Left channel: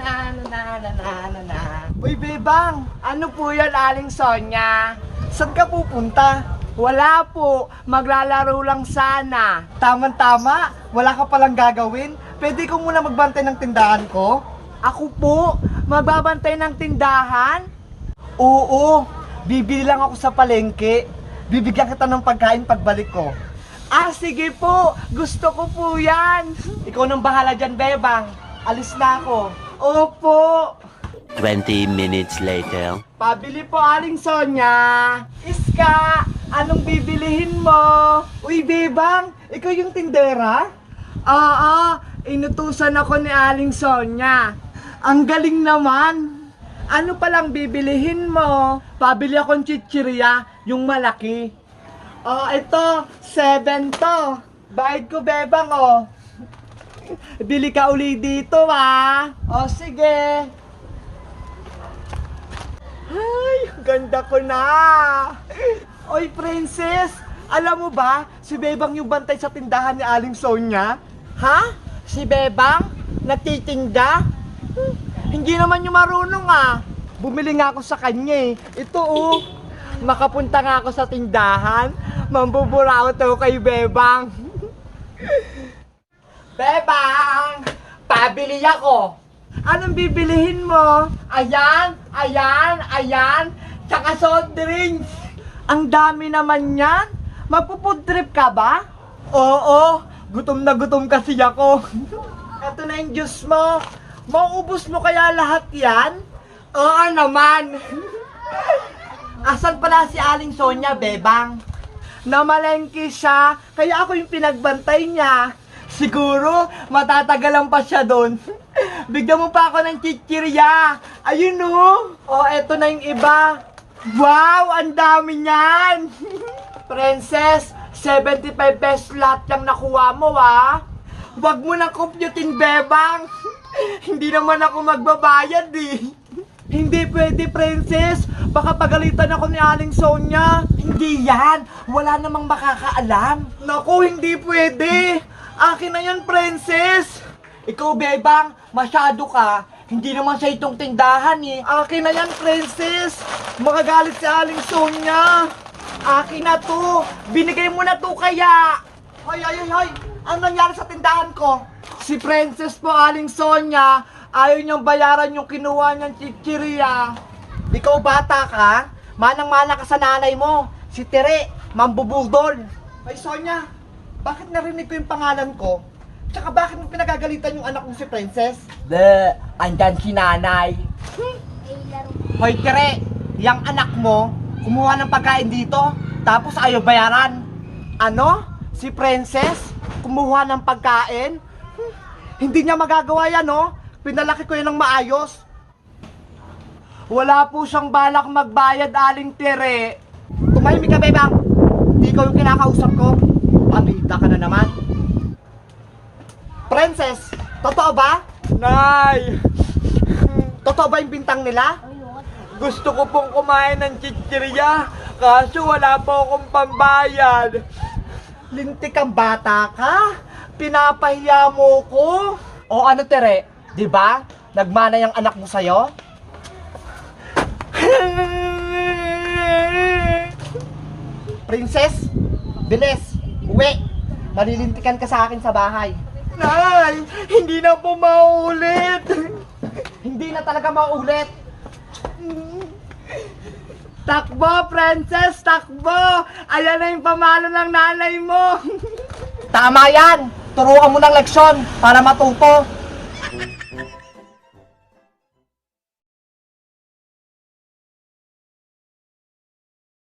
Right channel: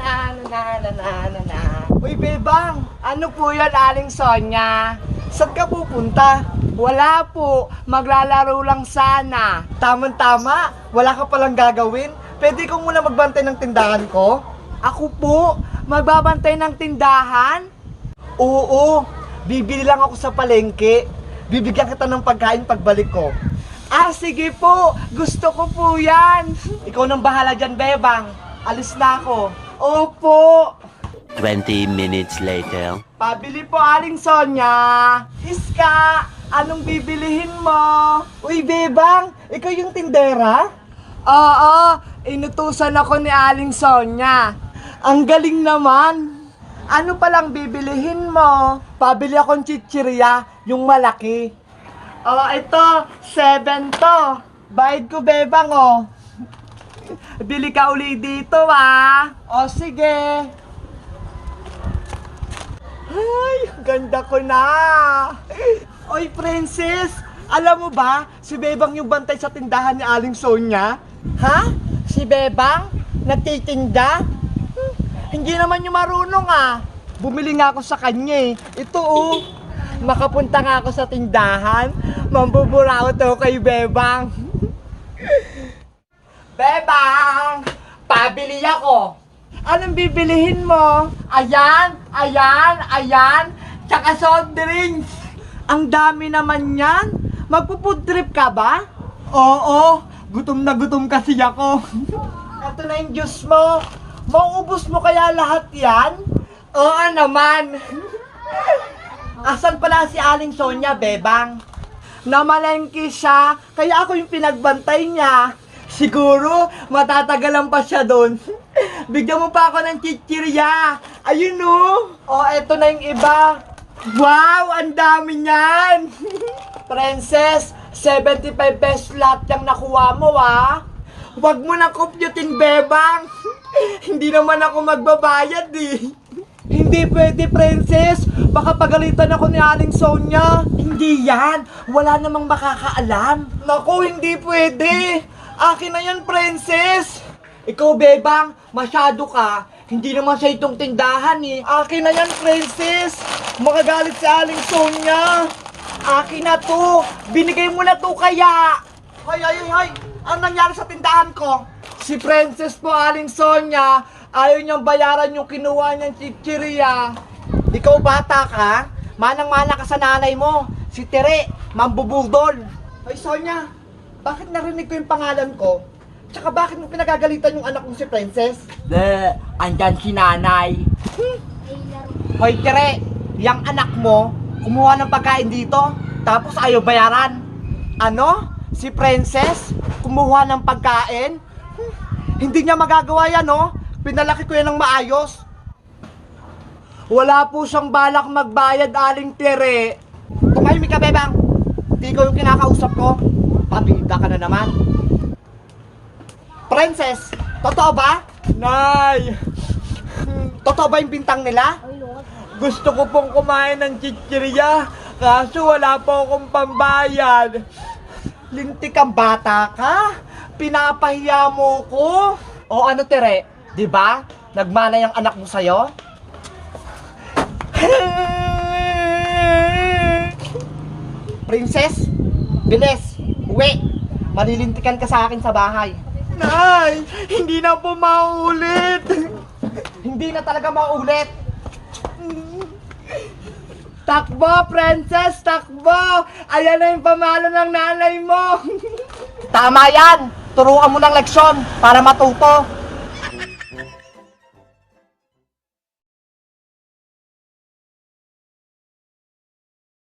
na. Uy, Bebang, ano po yan, Aling Sonia? Saan ka pupunta? Wala po, maglalaro lang sana. Tama-tama, wala ka palang gagawin. Pwede ko muna magbantay ng tindahan ko? Ako po, magbabantay ng tindahan? Oo, bibili lang ako sa palengke. Bibigyan kita ng pagkain pagbalik ko. Ah, sige po, gusto ko po yan. Ikaw nang bahala dyan, Bebang. Alis na ako. Opo. 20 minutes later. Pabili po, Aling Sonia. Iska, anong bibilihin mo? Uy, Bebang, ikaw yung tindera? Oo, inutusan ako ni Aling Sonia. Ang galing naman. Ano palang bibilihin mo? Pabili akong chichirya, yung malaki. Oh, ito, 7 to. Bayad ko, Bebang, oh. Bili ka uli dito, ah. Oh, sige. Ay, ganda ko na. Oy, Princess, alam mo ba, si Bebang yung bantay sa tindahan ni Aling Sonia? Ha? Si Bebang? Nagtitinda? Hindi naman yung marunong, ah. Bumili nga ako sa kanya, eh. Ito, oh. Makapunta nga ako sa tindahan. Mambuburaw to kay Bebang. Bebang! Pabili ako. Anong bibilihin mo? Ayan, ayan, ayan. Tsaka soft drinks. Ang dami naman yan. Magpo-food trip ka ba? Oo, gutom na gutom kasi ako. Ito na yung juice mo. Mauubos mo kaya lahat yan? Oo naman. Asan pala si Aling Sonia, Bebang? Namalengke siya, kaya ako yung pinagbantay niya. Siguro, matatagalan pa siya doon. Bigyan mo pa ako ng chichirya. Ayun, oh. Oh, eto na yung iba. Wow, ang dami niyan. Princess, 75 pesos lahat yung nakuha mo, ah. Huwag mo na computin, Bebang. Hindi naman ako magbabayad, eh. Hindi pwede, Princess. Baka pagalitan ako ni Aling Sonia. Hindi yan. Wala namang makakaalam. Naku, hindi pwede. Akin na yan, Princess. Ikaw, Bebang, masyado ka. Hindi naman sa itong tindahan, eh. Akin na yan, Princess. Makagalit si Aling Sonia. Akin na to. Binigay mo na to kaya. Hoy, hoy, hoy. Ang nangyari sa tindahan ko? Si Princess po, Aling Sonia, ayaw niyang bayaran yung kinuha niyang chichirya. Ikaw bata ka, manang-mana ka sa nanay mo. Si Tere, mambubudol. Ay Sonia, bakit narinig ko yung pangalan ko? Tsaka bakit mo pinagagalitan yung anak mo si Princess? Andyan si nanay. Hoy Tere, yung anak mo, kumuha ng pagkain dito, tapos ayaw bayaran. Ano? Si Princess, kumuha ng pagkain? Hindi niya magagawa yan, no? Pinalaki ko yan ng maayos. Wala po siyang balak magbayad, Aling Tere. Tumahimik ka, Bebang. Hindi ko yung kinakausap ko. Pabida ka na naman. Princess, totoo ba? Nay, totoo ba yung bintang nila? Gusto ko pong kumain ng chichirya, kaso wala po akong pambayad. Lintik kang bata ka? Pinapahiya mo ko? O ano, Tere? Diba? Nagmana yung anak mo sa'yo? Princess, bilis, uwi. Malilintikan ka sa akin sa bahay. Nay, hindi na po maulit. Hindi na talaga maulit. Takbo, Princess, takbo. Ayan na yung pamalo ng nanay mo. Tama yan. Turuan mo ng leksyon para matuto.